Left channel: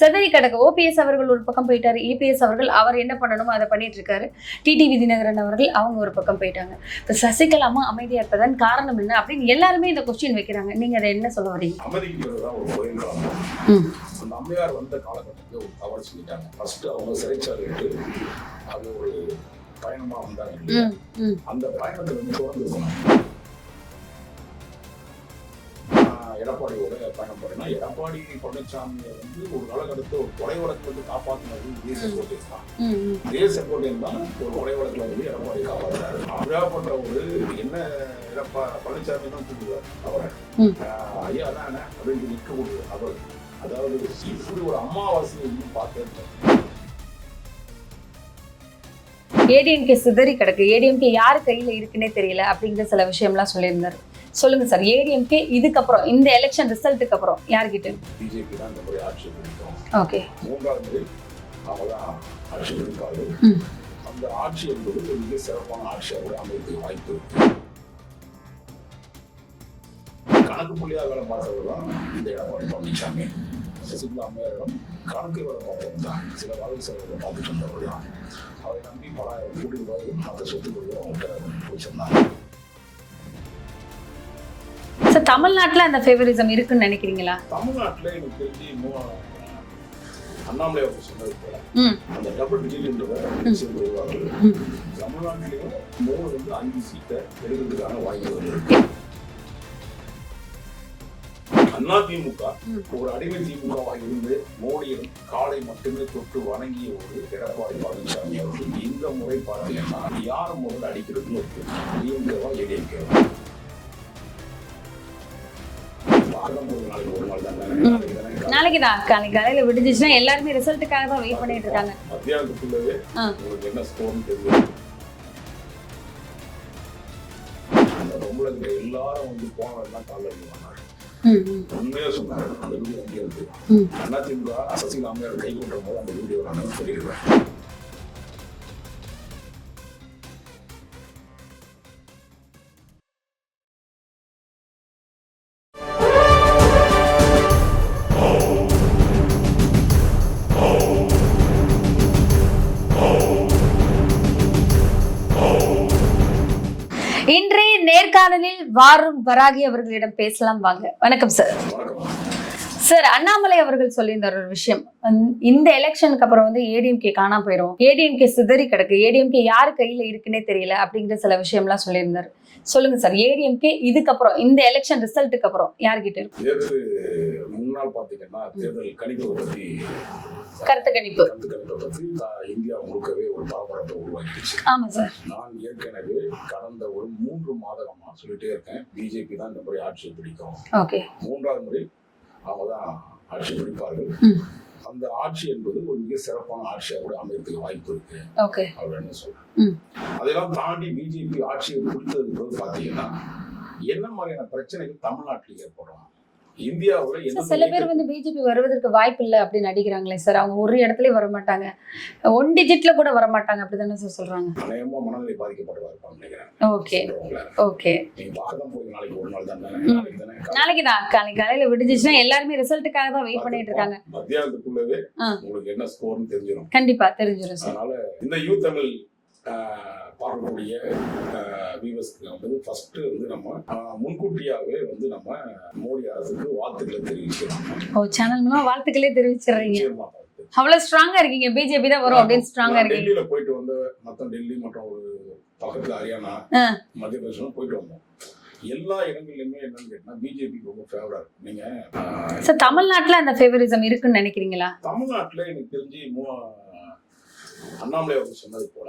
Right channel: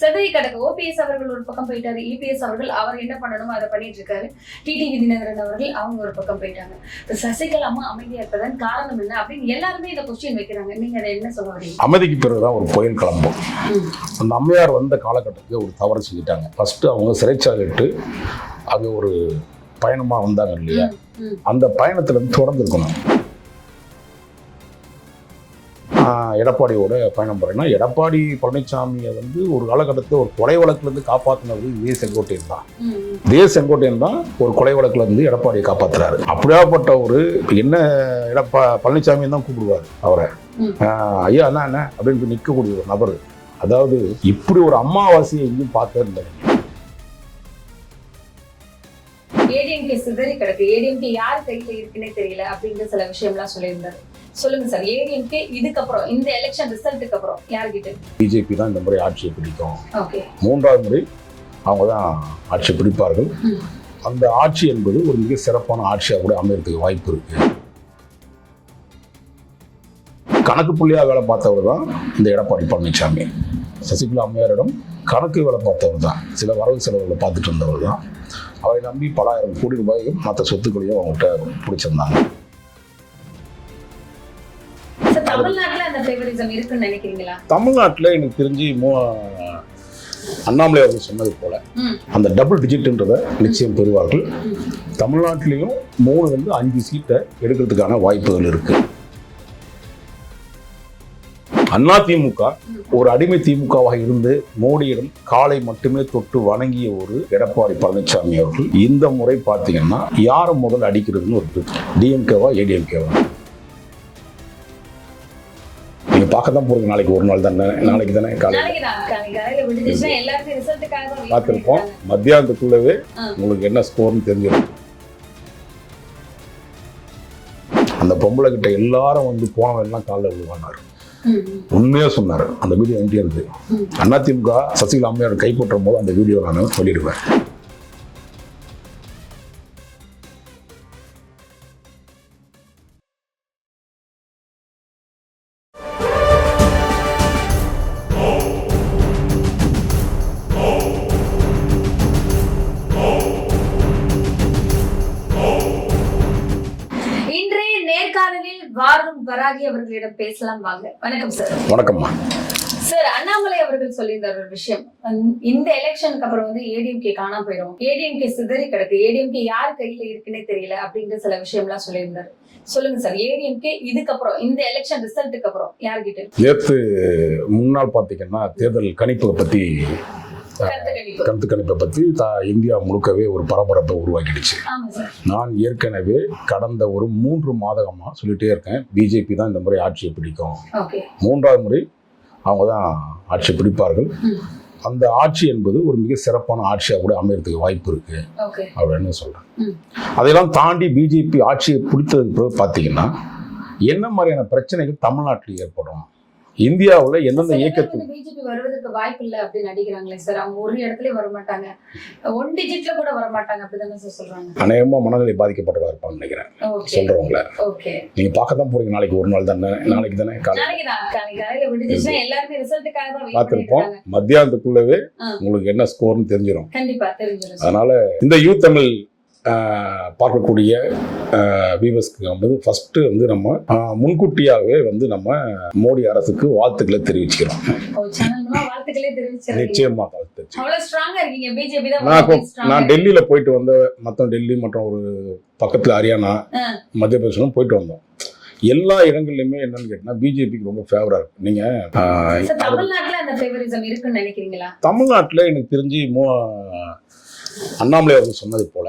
செதறி கிடக்கு ஓபிஎஸ் அவர்கள் ஒரு பக்கம் போயிட்டாரு இபிஎஸ் அவர்கள் அவர் என்ன பண்ணணுமோ அதை பண்ணிட்டு இருக்காரு. டிடிவி தினகரன் அவர்கள் அவங்க ஒரு பக்கம் போயிட்டாங்க. இப்ப சசிகலாமா அமைதியா இருப்பதன் காரணம் என்ன அப்படின்னு எல்லாருமே இந்த கொஸ்டின் வைக்கிறாங்க. நீங்க அதை என்ன சொல்ல வரீங்க? அமைதிக்கு பிறகுதான் ஒரு புயல் கிளம்பும். அம்மையார் வந்த காலகட்டத்தில் ஒரு தவறு செஞ்சுட்டாங்க. ஃபர்ஸ்ட் அவங்க சிறைச்சாலை விட்டு அங்க ஒரு பயணமா வந்தாங்க இல்லையா. அந்த பயணத்துல இருந்து தொடர்ந்து இருக்கணும் எடப்பாடியோட பயணம் போறேன்னா எடப்பாடி பழனிசாமியை வந்து ஒரு காலகட்டத்தில் ஒரு கொலை வழக்குல இருந்து காப்பாற்றினது இதே செங்கோட்டையன் தான். இதே செங்கோட்டையன் தான் ஒரு கொலை வழக்குல இருந்து எடப்பாடியை காப்பாத்துறாரு. அப்படியாப்பட்ட ஒரு என்ன எடப்பா பழனிசாமி தான் கூப்பிடுவார் அவரை. ஐயா என்ன என்ன? அப்படின்னு நிற்கக்கூடிய ஒரு நபர். அதாவது இப்படி ஒரு அம்மாவாசையை எங்கேயும் இல்லை ஏடிஎம்கே சிதறி கிடக்கு. ஏடிஎம்கே யார் கையில இருக்குன்னே தெரியல அப்படிங்கிற சில விஷயம்லாம் சொல்லியிருந்தாரு. சொல்லுங்க சார் ஏடிஎம்கே இதுக்கப்புறம் இந்த எலெக்ஷன் ரிசல்ட்டுக்கு அப்புறம் யார்கிட்ட? பிஜேபி தான் இந்த முறை ஆட்சியை பிடிக்கும். ஓகே. மூன்றாவது முறை அவங்க தான் ஆட்சி பிடிப்பார்கள். அந்த ஆட்சி என்பது ஒரு மிக சிறப்பான ஆட்சியாக கூட அமையறதுக்கு வாய்ப்பு இருக்கு. கணக்கு புள்ளியாக வேலை பார்த்தவர் தான் இந்த எடப்பாடி பழனிசாமி சசிகலா அம்மையாரிடம் கணக்கு வேலை பார்த்தவர் தான். சில வரவு செலவுகளை பார்த்துட்டு இருந்தவர் தான். அவரை நம்பி பல ஆயிரம் கோடி ரூபாயும் மற்ற சொத்துக்களையும் அவங்ககிட்ட பிடிச்சிருந்தாங்க. சார் தமிழ்நாட்டுல அந்த ஃபேவரிசம் இருக்குன்னு நினைக்கிறீங்களா? தமிழ்நாட்டில் எனக்கு தெரிஞ்சு மோ அண்ணாமலை அவர்கள் சொன்னது போல அந்த டபுள் டிஜிட்ன்றதை நிச்சயம் பெறுவார்கள். தமிழ்நாட்டிலையும் மூணு வந்து அஞ்சு சீட்டை எடுக்கிறதுக்கான வாய்ப்புகள் இருக்கு. அண்ணா திமுக ஒரு அடிமை திமுகவாக இருந்து மோடியிடம் காலை மட்டுமே தொட்டு வணங்கிய ஒரு எடப்பாடி பழனிசாமி அவர்கள் இந்த முறை பார்த்தீங்கன்னா யாரை முதல்ல அடிக்கிறதுன்னு ஒரு டிஎம்கேவா ஏடிஎம்கேவா பார்க்க தான் போறீங்க நாளைக்கு ஒரு நாள் தானே? நாளைக்கு தானே நாளைக்கு தான். காலையில விடுஞ்சிச்சுன்னா எல்லாருமே ரிசல்ட்டுக்காக தான் பார்த்துருப்போம். மத்தியானத்துக்குள்ளவே. உங்களுக்கு என்ன ஸ்கோர்னு தெரிஞ்சிடும். அந்த பொம்பளை கிட்ட எல்லாரும் வந்து போனவன் எல்லாம் காலில் விழுவானார். உண்மையா சொன்னார். அந்த வீடியோ எங்கே இருந்து. அதிமுக சசிகலா அம்மையார் கைப்பற்றும் போது அந்த வீடியோ நான் சொல்லிடுவேன். நேர்காணலில் வாரும் வராகி அவர்களிடம் பேசலாம் வாங்க. வணக்கம் சார் வணக்கம்மா. சார் அண்ணாமலை அவர்கள் சொல்லியிருந்த ஒரு விஷயம். இந்த எலெக்ஷனுக்கு அப்புறம் வந்து ஏடிஎம்கே காணாம போயிடும் ஏடிஎம்கே சிதறி கிடக்கு. ஏடிஎம்கே யார் கையில இருக்குன்னே தெரியல அப்படிங்கிற சில விஷயம்லாம் சொல்லியிருந்தாரு. சொல்லுங்க சார் ஏடிஎம்கே இதுக்கப்புறம் இந்த எலெக்ஷன் ரிசல்ட்டுக்கு அப்புறம் யார்கிட்ட? நேற்று முன்னாள் பார்த்தீங்கன்னா தேர்தல் கணிப்பை பற்றி கருத்து கணிப்பு பற்றி இந்தியா முழுக்கவே ஒரு பரபரப்பை உருவாக்கிடுச்சு. நான் ஏற்கனவே கடந்த ஒரு மூன்று மாதகமாக சொல்லிட்டே இருக்கேன். பிஜேபி தான் இந்த முறை ஆட்சியை பிடிக்கும். மூன்றாவது முறை அவங்க தான் ஆட்சி பிடிப்பார்கள். அந்த ஆட்சி என்பது ஒரு மிக சிறப்பான ஆட்சியாக கூட அமையறதுக்கு வாய்ப்பு இருக்கு. அப்படின்னு சொல்றேன். அதையெல்லாம் தாண்டி பிஜேபி ஆட்சியை பிடித்ததுக்கு பிறகு பார்த்தீங்கன்னா என்ன மாதிரியான பிரச்சனைகள் தமிழ்நாட்டில் ஏற்படும்? இந்தியாவில் எந்தெந்த இயக்கத்தில் பிஜேபி வருவதற்கு வாய்ப்பு இல்லை அப்படின்னு நடிக்கிறாங்களே. சார் அவங்க ஒரு இடத்துலயும் வர மாட்டாங்க ஒன் டிஜிட்ல கூட வர மாட்டாங்க அப்படிதானே சார் சொல்றாங்க? அநேகமாக மனநிலை பாதிக்கப்பட்டதாக இருப்பாங்கன்னு நினைக்கிறேன். சொல்றவங்கள. ஓகே. நீங்க பார்க்க தான் போறீங்க. நாளைக்கு ஒரு நாள் தானே? நாளைக்கு தானே? நாளைக்கு தான். நாளைக்கு காலையில விடுஞ்சிச்சுன்னா எல்லாருமே ரிசல்ட்டுக்காக தான் வெயிட் பண்ணிட்டு இருக்காங்க. மத்தியானத்துக்குள்ளவே. உங்களுக்கு என்ன ஸ்கோர்னு தெரிஞ்சிடும் கண்டிப்பா தெரிஞ்சிடும் அதனால இந்த யூ தமிழ் பார்க்கக்கூடிய வியூவர்ஸ்க்கு வந்து ஃபர்ஸ்ட் வந்து நம்ம முன்கூட்டியாகவே வந்து நம்ம மோடி அரசுக்கு வாழ்த்துக்களை தெரிவிச்சுக்கிறோம். வாழ்த்துக்களே தெரிவிச்சிருக்கீங்க நிச்சயமா வாழ்த்து அவ்வளவு ஸ்ட்ராங்கா இருக்கீங்க. பிஜேபி தான் நான் டெல்லியில போயிட்டு வந்த மற்ற டெல்லி மற்றும் ஒரு பக்கத்துல ஹரியானா. மத்திய பிரதேசம் போயிட்டு வந்தோம். எல்லா இடங்கள்லையுமே என்னன்னு கேட்டீங்கன்னா பிஜேபிக்கு ரொம்ப ஃபேவரா இருக்கு. நீங்க தமிழ்நாட்டுல அந்த ஃபேவரிசம் இருக்குன்னு நினைக்கிறீங்களா? தமிழ்நாட்டுல எனக்கு தெரிஞ்சு மோ அண்ணாமலை அவர்கள் சொன்னது போல.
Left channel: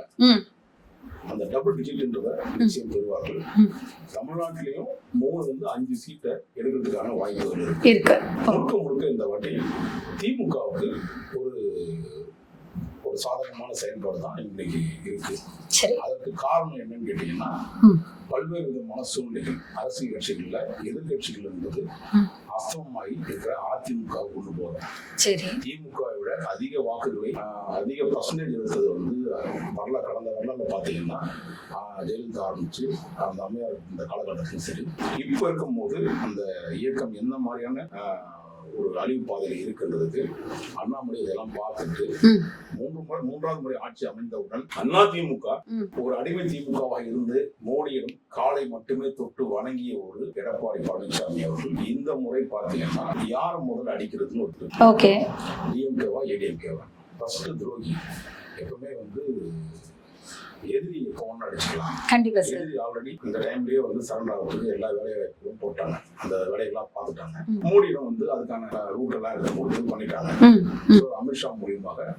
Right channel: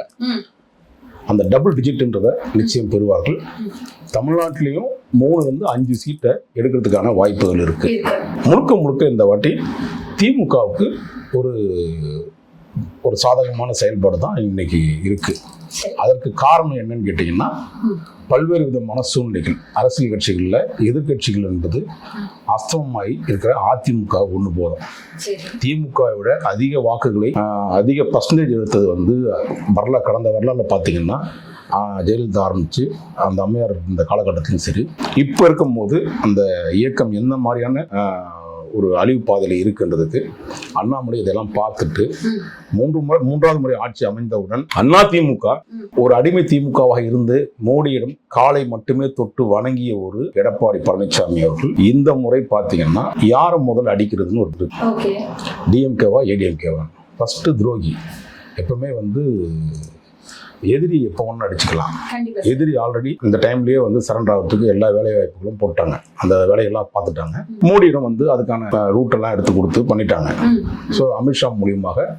அந்த டபுள் டிஜிட்ன்றதை நிச்சயம் பெறுவார்கள். தமிழ்நாட்டிலையும் மூணு வந்து அஞ்சு சீட்டை எடுக்கிறதுக்கான வாய்ப்புகள் இருக்கு முழுக்க முழுக்க இந்த வாட்டி திமுகவுக்கு ஒரு ஒரு சாதகமான செயல்பாடு தான் இன்னைக்கு இருக்கு. அதற்கு காரணம் என்னன்னு கேட்டிங்கன்னா. பல்வேறு விதமான சூழ்நிலைகள். அரசியல் கட்சிகளில் எதிர்க்கட்சிகள் என்பது. அஸ்தமமாகி இருக்கிற அதிமுக ஒன்று போதும் திமுகவை விட அதிக வாக்குகளை அதிக பர்சன்டேஜ் எடுத்தது வந்து வரலாறு கடந்த வரலாறுல பார்த்தீங்கன்னா ஜெயலலிதா ஆரம்பிச்சு அந்த அம்மையார் இந்த காலகட்டத்திலும் சரி. இப்போ இருக்கும்போது அந்த இயக்கம் எந்த மாதிரியான ஒரு அழிவு பாதையில் இருக்கின்றதுக்கு அண்ணாமலை இதெல்லாம் பார்த்துட்டு. மூன்று முறை மூன்றாவது முறை ஆட்சி அமைந்தவுடன் அதிமுக ம். ஒரு அடிமை திமுகவாக இருந்து மோடியிடம் காலை மட்டுமே தொட்டு வணங்கிய ஒரு எடப்பாடி பழனிசாமி அவர்கள் இந்த முறை பார்த்தீங்கன்னா யாரை முதல்ல அடிக்கிறதுன்னு ஒரு டிஎம்கேவா ஏடிஎம்கேவா? ஃபர்ஸ்ட் துரோகி. எப்பவுமே வந்து எதிரி எப்போ ஒன்று அடிச்சுக்கலாம். எதிரி ஆல்ரெடி இந்த டைம்லயே வந்து சரண்டர் ஆகிறதுக்கு எல்லா வேலை வாய்ப்புகளும் போட்டாங்க. அந்த வேலையெல்லாம் பார்த்துட்டாங்க. மோடியிடம் வந்து அதுக்கான ரூட் எல்லாம் எடுத்து கொடுத்து பண்ணிட்டாங்க. ஸோ அமித்ஷா மூலியமாக.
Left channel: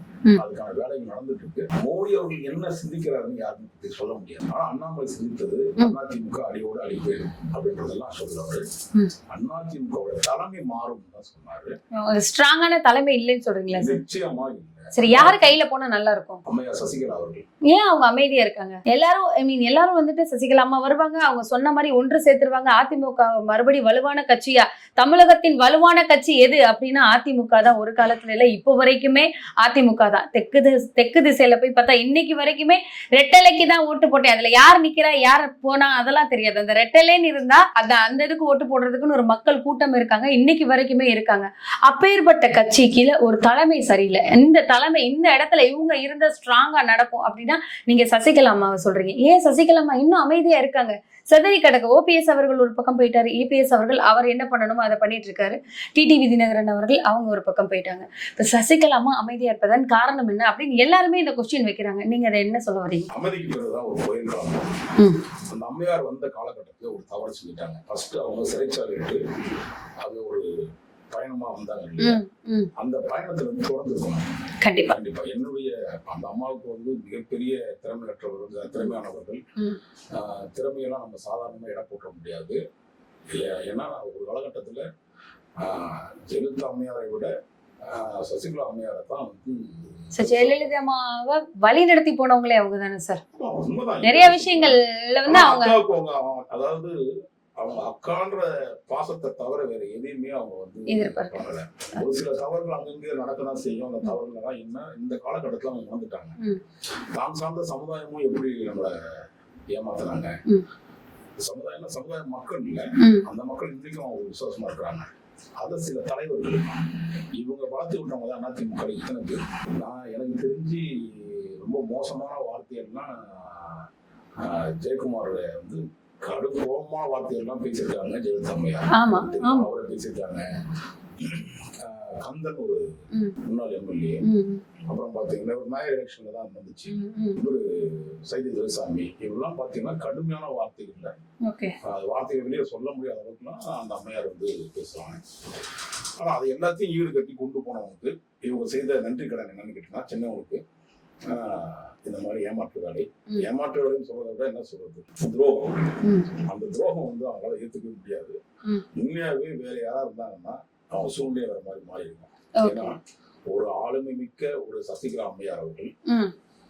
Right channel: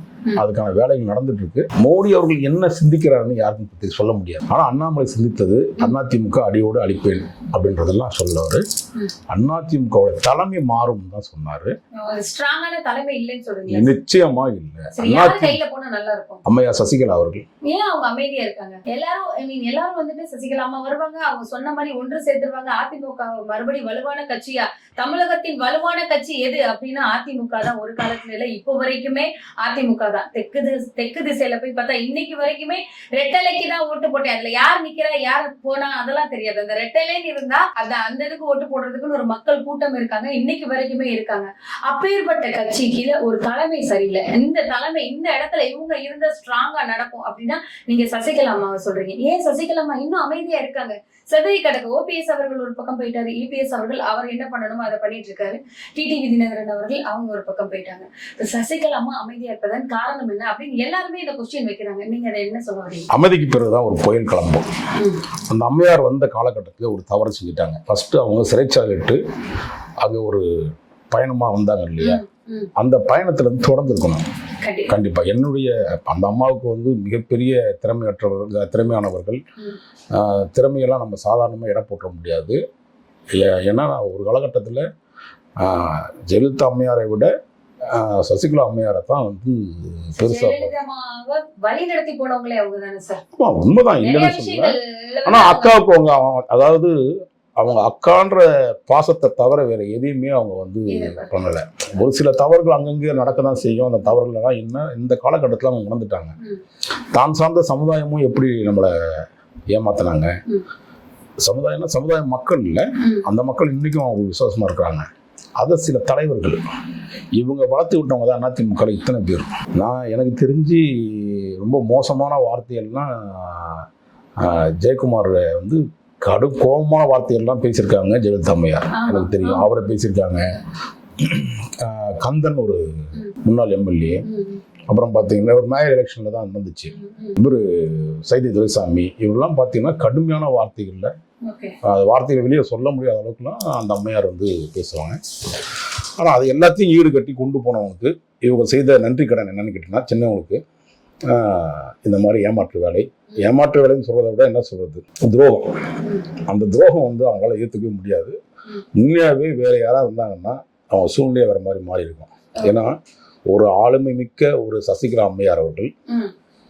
அதுக்கான வேலைகள் நடந்துட்டு இருக்கு மோடி அவர்கள் என்ன சிந்திக்கிறாருன்னு யாருக்கும் பத்தி சொல்ல முடியாது. ஆனா அண்ணாமலை சிந்தித்தது அதிமுக அடியோடு அழிப்பேன் அப்படின்றதெல்லாம் சொல்லவர். அதிமுகவோட தலைமை மாறும் தான் சொன்னாரு. ஸ்ட்ராங்கான தலைமை இல்லைன்னு சொல்றீங்களா சார்? நிச்சயமா இல்லை. சரி யார் கையில போனா நல்லா இருக்கும் அம்மையா சசிகலா அவர்கள். ஏன் அவங்க அமைதியா இருக்காங்க? எல்லாரும் ஐ மீன் எல்லாரும் வந்துட்டு சசிகலா அம்மா வருவாங்க. அவங்க சொன்ன மாதிரி ஒன்று சேர்த்துருவாங்க. அதிமுக மறுபடி வலுவான கட்சியா? தமிழகத்தின் வலுவான கட்சி எது? அப்படின்னா அதிமுக தான் ஒரு காலத்துல இல்ல இப்போ வரைக்குமே அதிமுக தான். தெற்கு தெற்கு திசையில போய் பார்த்தா இன்னைக்கு வரைக்குமே ரெட்டலைக்கு தான் ஓட்டு போட்டேன். அதுல யார் நிக்கிறா யார் போனா அதெல்லாம் தெரியாது. அந்த ரெட்டலைன்னு இருந்தா அந்த அந்த இதுக்கு ஓட்டு போடுறதுக்குன்னு ஒரு மக்கள் கூட்டம் இருக்காங்க. இன்னைக்கு வரைக்குமே இருக்காங்க. அப்பேற்பட்ட கீழே ஒரு தலைமை சரியில்லை. இந்த தலைமை இந்த இடத்துல இவங்க இருந்த ஸ்ட்ராங்கா நடக்கும் அப்படின்னா நீங்க சசிகலா அம்மாவை சொல்றீங்க. ஏன் சசிகலா அம்மா இன்னும் அமைதியா இருக்காங்க? செதறி கிடக்கு ஓபிஎஸ் அவர்கள் ஒரு பக்கம் போயிட்டாரு இபிஎஸ் அவர்கள் அவர் என்ன பண்ணணுமோ அதை பண்ணிட்டு இருக்காரு. டிடிவி தினகரன் அவர்கள் அவங்க ஒரு பக்கம் போயிட்டாங்க. இப்ப சசிகலா அம்மா அமைதியா இருப்பதன் காரணம் என்ன அப்படின்னு எல்லாருமே இந்த கொஸ்டின் வைக்கிறாங்க. நீங்க அதை என்ன சொல்ல வரீங்க? அமைதிக்கு பிறகுதான் ஒரு புயல் கிளம்பும். அந்த அம்மையார் வந்த காலகட்டத்தில் ஒரு தவறு செஞ்சுட்டாங்க. ஃபர்ஸ்ட் அவங்க சிறைச்சாலை விட்டு அங்க ஒரு பயணமா வந்தாங்க இல்லையா. அந்த பயணத்துல இருந்து தொடர்ந்து இருக்கணும். கண்டிப்பா. கண்டிப்பா. என்னுடைய அந்த அம்மாவுக்கு வந்து மிகப்பெரிய திறமையற்றவர்கள் திறமையானவர்கள். திறமையெல்லாம் நம்ம சாதாரணமாக இட போட்டுற முடியாது. ஏன்னா ஒரு காலகட்டத்தில் ஜெயலலிதா அம்மையாரை விட சசிகலா அம்மையாரை தான் வந்து வழி நடத்தி போனவங்களே அவங்க தானே சார்? உண்மைதான். அக்காவுக்கு அவங்க- அதாவது அவங்க அக்கான்ற பாசத்தை தவிர வேற எதையுமே அவங்க வந்து. பண்ணல. ஒரு சில தவறுகள் அங்கங்கே நடக்க தான் செய்யும். அந்த தவறுகள்லாம் என்ன? இந்த காலகட்டத்தில் அவங்க உணர்ந்துட்டாங்க. தான் சார்ந்த சமுதாயமும் எப்படி நம்மளை ஏமாத்துனாங்க. சமுதாயம்னா சமுதாய மக்கள் இல்லை. அந்த மக்கள் இன்னைக்கும் அவங்க விசுவாசமா இருக்கிறாங்க. அதை சில தலைவர்கள் இவங்க வளர்த்து விட்டவங்க தான் அதிமுக இத்தனை பேர். நான் எனக்கு தெரிஞ்சு ரொம்ப மோசமான வார்த்தையெல்லாம் ஆஹ், ஜெயக்குமார் வந்து கடும் கோபமான வார்த்தையெல்லாம் பேசியிருக்காங்க ஜெயலலிதா அம்மையார். எனக்கு தெரியும். அவரை பேசியிருக்காங்க. கந்தன் ஒரு. முன்னாள் எம்எல்ஏ. அப்புறம் பார்த்தீங்கன்னா ஒரு மேயர் எலெக்ஷனில் தான் ம், ம். சைதி துரைசாமி. இவரெல்லாம் பார்த்தீங்கன்னா கடுமையான வார்த்தைகளில் அது வார்த்தைகளை வெளியே சொல்ல முடியாத அளவுக்குலாம் அந்த அம்மையார் வந்து பேசுவாங்க. ஆனால் அது எல்லாத்தையும் ஈடு கட்டி கொண்டு போனவங்களுக்கு இவங்க செய்த நன்றி கடன் என்னன்னு கேட்டிங்கன்னா சின்னவங்களுக்கு இந்த மாதிரி ஏமாற்று வேலை ஏமாற்று வேலைன்னு சொல்றதை விட என்ன சொல்றது துரோகம். அந்த துரோகம் வந்து அவங்களால ஏற்றுக்கவே முடியாது. உண்மையாகவே வேற யாராவது இருந்தாங்கன்னா அவங்க சூழ்நிலை வேற மாதிரி மாறி இருக்கும் ஏன்னா ஒரு ஆளுமை மிக்க ஒரு சசிகலா அம்மையார் அவர்கள்.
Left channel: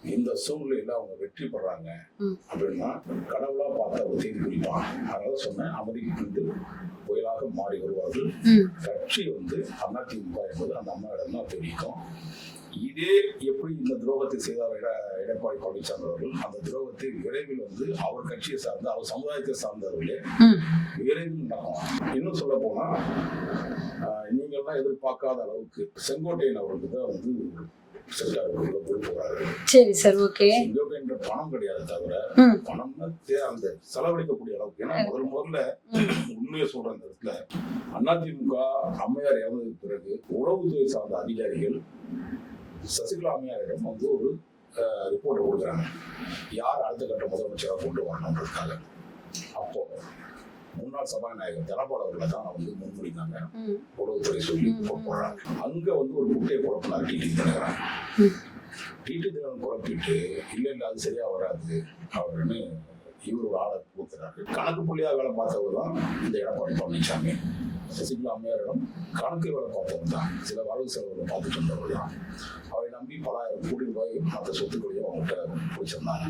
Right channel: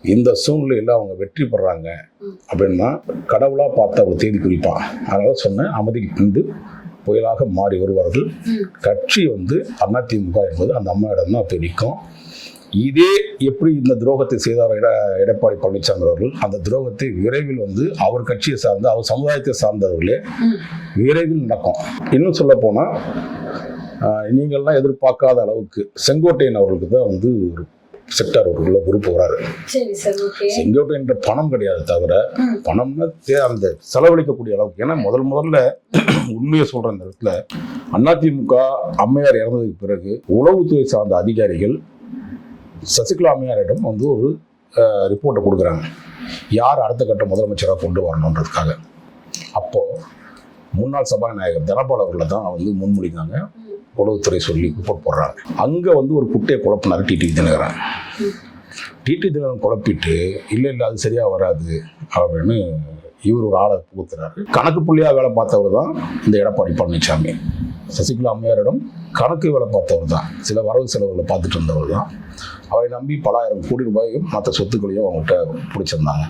இந்த சூழ்நிலையில் அவங்க வெற்றி பெறாங்க. அப்படின்னா கடவுளா பார்த்து அவங்க தேதி குறிப்பான் அதனால சொன்னேன் அமைதிக்கு பின்பு புயலாக மாறி வருவார்கள். கட்சி வந்து அதிமுக என்பது அந்த அம்மாவிடம் தான் போய் நிற்கும் இதே எப்படி இந்த துரோகத்தை செய்தார் எட எடப்பாடி பழனிசாமி அவர்கள் அந்த துரோகத்தை விரைவில் வந்து அவர் கட்சியை சார்ந்த அவர் சமுதாயத்தை சார்ந்தவர்களே. விரைவில் நடக்கும் இன்னும் சொல்ல போனா ஆஹ், நீங்கள்லாம் எதிர்பார்க்காத அளவுக்கு செங்கோட்டையன் அவர்களுக்கு தான் வந்து ஒரு செக்டார் ஒரு உள்ள பொறுப்பு வராரு செங்கோட்டையன்ற பணம் கிடையாது தவிர. பணம்னா அந்த செலவழிக்கக்கூடிய அளவுக்கு ஏன்னா முதல் முதல்ல உண்மையை சொல்ற இந்த இடத்துல அதிமுக அம்மையார் இறந்ததுக்கு பிறகு உளவுத்துறை சார்ந்த அதிகாரிகள் சசிகலா அம்மையாரிடம் வந்து ஒரு ரிப்போர்ட்டை கொடுக்குறாங்க. யார் அடுத்த கட்ட முதலமைச்சராக கொண்டு வரணுன்றதுக்காக அப்போ முன்னாள் சபாநாயகர் தனபால் அவர்களை தான் வந்து முன்மொழிந்தாங்க. உளவுத்துறை சொல்லி ரிப்போர்ட் போடுறாங்க. அங்க வந்து ஒரு குட்டையை குழப்பினார் டிடி தினகரன். டிடி தினகரன் குழப்பிட்டு இல்லை இல்லை அது சரியா வராது. அப்படின்னு இவர் ஒரு ஆளை புகுத்துறாரு. கணக்கு புள்ளியா வேலை பார்த்தவர் தான் இந்த எடப்பாடி பழனிசாமி சசிகலா அம்மையாரிடம் கணக்கு வேலை பார்த்தவர் தான். சில வரவு செலவுகளை பார்த்துட்டு இருந்தவர் தான். அவரை நம்பி பலாயிரம் கோடி ரூபாயும் மற்ற சொத்துக்களையும் அவங்ககிட்ட பிடிச்சிருந்தாங்க.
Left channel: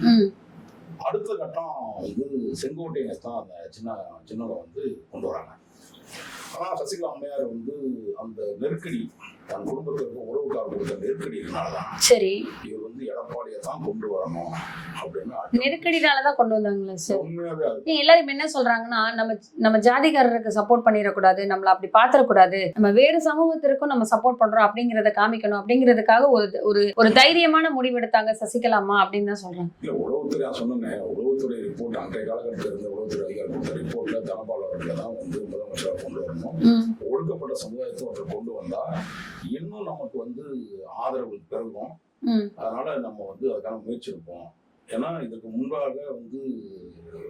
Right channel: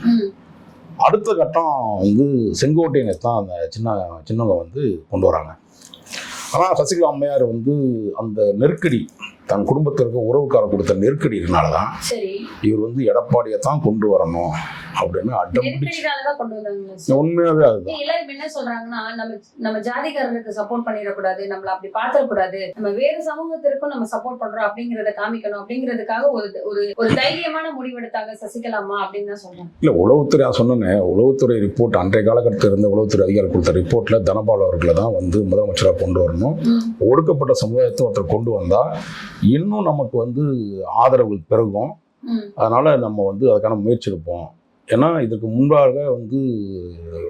அடுத்த கட்டம் வந்து செங்கோட்டையனை தான் அந்த சின்ன சின்னவங்க வந்து கொண்டு வராங்க. ஆனால் சசிகலா அம்மையார் வந்து அந்த நெருக்கடி தன் குடும்பத்திற்கு உறவுக்கார கொடுத்த நெருக்கடியினால தான் சரி. இவர் வந்து எடப்பாடியை தான் கொண்டு வரணும். அப்படின்னு நெருக்கடினாலதான் கொண்டு வந்தாங்களா உண்மையாவே அது எல்லாரும் என்ன சொல்றாங்கன்னா நம்ம நம்ம ஜாதிகாரருக்கு சப்போர்ட் பண்ணிடக்கூடாது நம்மள அப்படி பாத்திரக்கூடாது நம்ம வேறு சமூகத்திற்கும் நம்ம சப்போர்ட் பண்றோம் அப்படிங்கறத காமிக்கணும். அப்படிங்கிறதுக்காக ஒரு ஒரு தைரியமான முடிவெடுத்தாங்க சசிகலாமா அப்படின்னு தான் சொல்றாங்க. இல்லை உளவுத்துறை சொன்னேனே. உளவுத்துறை ரிப்போர்ட் அன்றைய காலகட்டத்தில் இருந்த உளவுத்துறை அதிகாரி கொடுத்த ரிப்போர்ட்ல தனபால் அவர்களை தான் வந்து முதலமைச்சராக கொண்டு வரணும். ஒடுக்கப்பட்ட சமுதாயத்தை ஒருத்தர் கொண்டு வந்தா இன்னும் நமக்கு வந்து ஆதரவு பெருகும். அதனால நம்ம வந்து அதுக்கான முயற்சி எடுப்போம். ஏன்னா இதுக்கு முன்பாக வந்து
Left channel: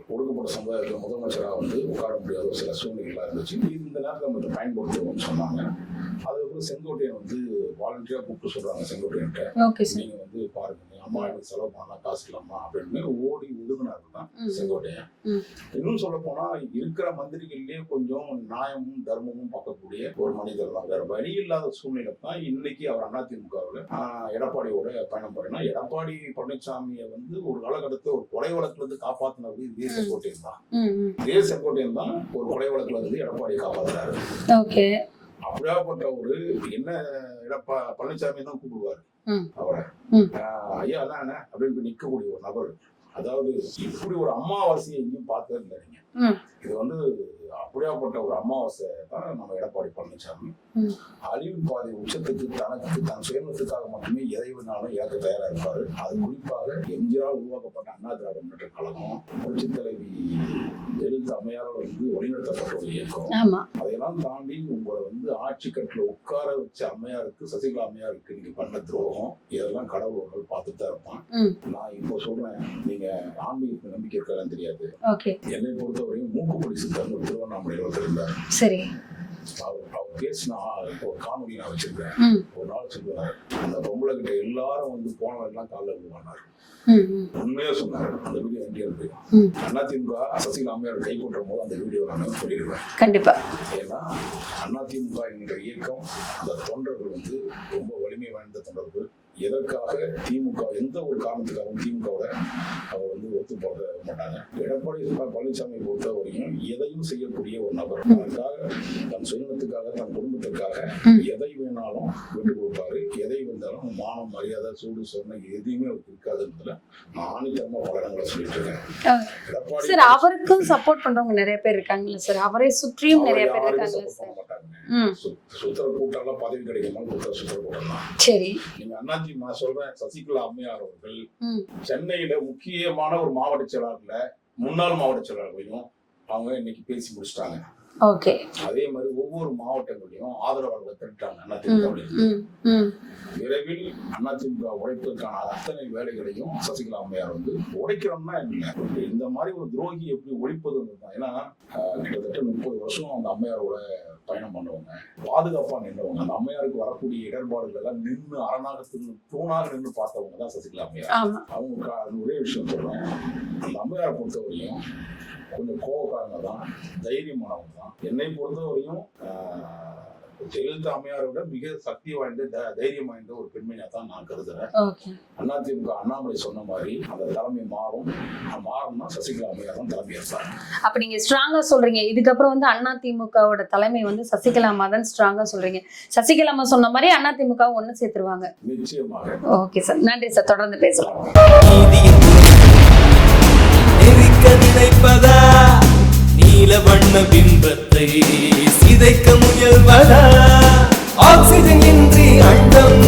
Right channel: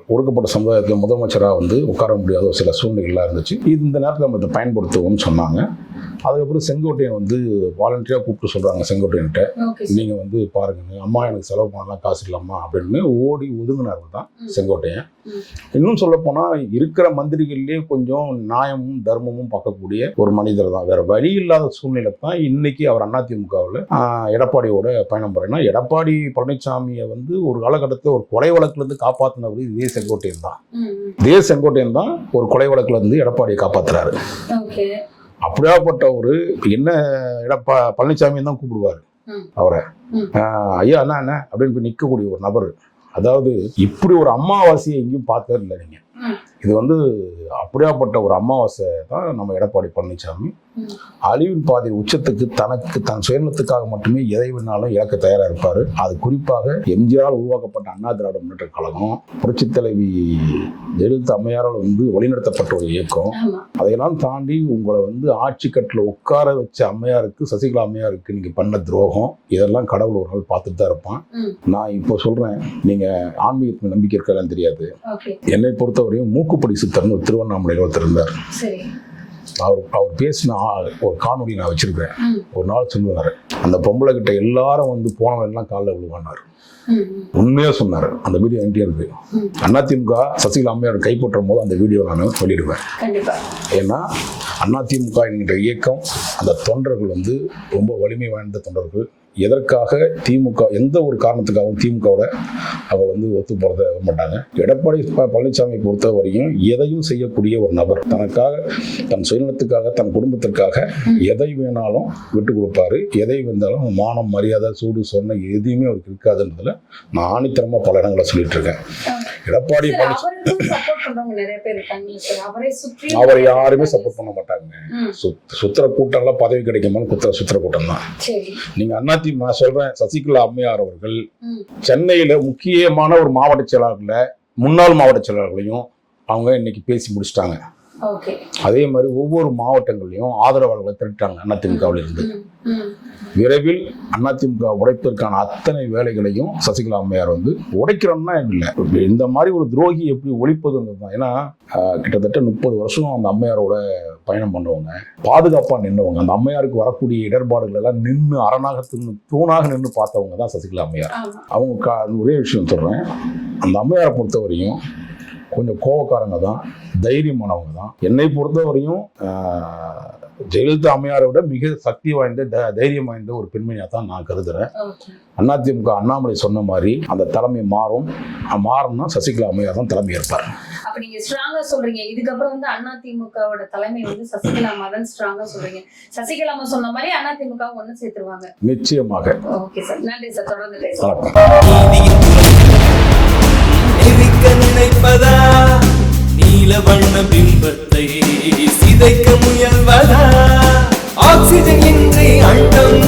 ஒடுக்கப்பட்ட சமுதாயத்தில் முதலமைச்சராக வந்து உட்கார முடியாத ஒரு சில சூழ்நிலைகள்லாம் இருந்துச்சு. இது இந்த நேரத்தில் நம்ம இதை பயன்படுத்துவோம்னு சொன்னாங்க. அதுக்கப்புறம் செங்கோட்டையன் வந்து வாலண்டியராக கூப்பிட்டு சொல்கிறாங்க செங்கோட்டையன்ட்ட நீங்கள் வந்து பாருங்க அம்மா எனக்கு செலவு பண்ணலாம் காசு இல்லாமா அப்படின்னு ஓடி ஒதுங்கினார் தான். செங்கோட்டையன். இன்னும் சொல்லப்போனால் இருக்கிற மந்திரிகள்லேயே கொஞ்சம் நியாயமும் தர்மமும் பார்க்கக்கூடிய ஒரு மனிதர் தான். வேற வழி இல்லாத சூழ்நிலை தான் இன்னைக்கு அவர் அதிமுகவில் எடப்பாடியோட பயணம் போறேன்னா எடப்பாடி பழனிசாமியை வந்து ஒரு காலகட்டத்தில் ஒரு கொலை வழக்குலேருந்து காப்பாற்றினவர் இதே செங்கோட்டையன் தான். இதே செங்கோட்டையன் தான் ஒரு கொலை வழக்குல இருந்து எடப்பாடியை காப்பாத்துறாரு. ஓகே அப்படியாப்பட்ட ஒரு என்ன எடப்பா பழனிசாமி தான் கூப்பிடுவார். அவரை ஐயா அண்ணா என்ன அப்படின்னு போய் நிற்கக்கூடிய ஒரு நபர் அதாவது இப்படி ஒரு அமாவாசையை எங்கேயும் பார்த்தது இல்லை நீங்க ம். இது வந்து அப்படியாப்பட்ட ஒரு அமாவாசை தான் நம்ம எடப்பாடி பழனிசாமி. அழிவின் பாதை உச்சத்துக்கு தனக்கு தன் சுயநலத்துக்காக மட்டுமே எதை வேணாலும் இழக்க தயாரா இருப்பாரு. அது குறிப்பாக எம்ஜிஆர் உருவாக்கப்பட்ட அண்ணா திராவிட முன்னேற்ற கழகம் புரட்சித் தலைவி ஜெயலலிதா அம்மையாரால் வந்து வழிநடத்தப்பட்ட ஒரு இயக்கம். அதையெல்லாம் தாண்டி உங்களை வந்து ஆட்சி கட்டில் உட்கார வச்ச அம்மையாருக்கு சசிகலா அம்மையாருக்கு நீங்க பண்ண துரோகம் இதெல்லாம் கடவுள் ஒரு நாள் பார்த்துட்டு தான் இருப்பான். நான் இப்போ சொல்றேன் நீங்க ஆன்மீகத்துக்கு நம்பிக்கை இருக்கலாம் தெரியாது. என்னை பொறுத்தவரையும் மூக்குப்படி சித்தர்னு திருவண்ணாமலையில் ஒருத்தர் இருந்தார். சரி. அவர் அவர் பேசின ஒரு காணொலி நான் வச்சிருக்கேன் ஒரு நாள் சொல்லுவார் அந்த பொம்பளை கிட்ட எல்லாரும் வந்து போனவன் எல்லாம் காலில் விழுவானார் உண்மையா சொன்னார் அந்த வீடியோ ம். அதிமுக சசிகலா அம்மையார் கைப்பற்றும் போது அந்த வீடியோ நான் சொல்லிடுவேன். கண்டிப்பா. ஏன்னா அதிமுக என்கிற இயக்கம் அந்த தொண்டர்கள் வந்து ரொம்ப வலிமை வாய்ந்த தொண்டர்கள். எதற்காக திமுக எந்த ஒரு காரணத்துக்காகவும் திமுகவோட அவ வந்து ஒத்து போறத மாட்டாங்க. எடப்பாடி பழனிசாமி பொறுத்த வரையும் எதையும் செய்யக்கூடிய ஒரு நபர். தனக்காக தன் சுயநலத்துக்காக தன் குடும்பத்திற்காக எதை வேணாலும் விட்டு கொடுப்பாரு. எதை வந்தாலும் மானம் மரியாதை சூடு சொன்ன எதுவுமே அவருக்கு இருக்காதுன்றதுல நான் ஆணித்தரமா பல இடங்களை சொல்லிட்டு இருக்கேன். எடப்பாடி அவரே யாருமே. சப்போர்ட் பண்ண மாட்டாங்க. சுத்துற கூட்டம்லாம் பதவி கிடைக்குமான்னு குத்துற சுத்துற கூட்டம் தான் நீங்க அதிமுக சொல்றேன் சசிகலா அம்மையார் அவர்கள். சென்னையில முக்கியமான ஒரு மாவட்ட செயலாளர்ல முன்னாள் மாவட்ட செயலாளர்களையும் அவங்க இன்னைக்கு பேசி முடிச்சிட்டாங்க. ஓகே அதே மாதிரி ஒவ்வொரு மாவட்டங்கள்லயும் ஆதரவாளர்களை திரட்டாங்க அதிமுகவில் இருந்து. ம், ம், விரைவில் அதிமுக உடைப்பதற்கான அத்தனை வேலைகளையும் சசிகலா அம்மையார் வந்து உடைக்கிறோம்னா இல்லை. இந்த மாதிரி ஒரு துரோகி எப்படி ஒழிப்பதுன்றது தான். ஏன்னா கிட்டத்தட்ட முப்பது வருஷம் அந்த அம்மையாரோட பயணம் பண்ணவங்க பாதுகாப்பா நின்றவங்க அந்த அம்மையாருக்கு வரக்கூடிய இடர்பாடுகள் எல்லாம் நின்று அரணாக தின்னு தூணாக நின்று பார்த்தவங்க தான் சசிகலா அம்மையார். அவங்க ஒரே விஷயம் சொல்கிறேன் அந்த அம்மையாரை பொறுத்தவரையும் கொஞ்சம் கோவக்காரங்க தான் தைரியமானவங்க தான். என்னை பொறுத்தவரையும் ஜெயலலிதா அம்மையாரை விட மிக சக்தி வாய்ந்த த- தைரியம் வாய்ந்த ஒரு பெண்மணியாக தான் நான் கருதுறேன். ஓகே. அதிமுக அண்ணாமலை சொன்ன மாதிரி அந்த தலைமை மாறும். மாறும்னா சசிகலா அம்மையார் தான் தலைமை ஏற்பார் அப்ப நீங்க ஸ்ட்ராங்கா சொல்றீங்க. இதுக்கப்புறம் வந்து அண்ணா திமுகவோட தலைமை வந்து சசிகலாமா தான் ஸ்ட்ராங்கா சொல்றீங்க. சசிகலாமா சொன்ன மாதிரி அண்ணா திமுக ஒண்ணு சேர்த்துருவாங்க. நிச்சயமாக. Okay sir. நன்றி சார். தொடர்ந்து பேசலாம் நினைப்பதா நீல வண்ண பிம்பத்தை சிதைக்க முயல்வதா? ஆக்சிஜன் இன்றி அண்டம்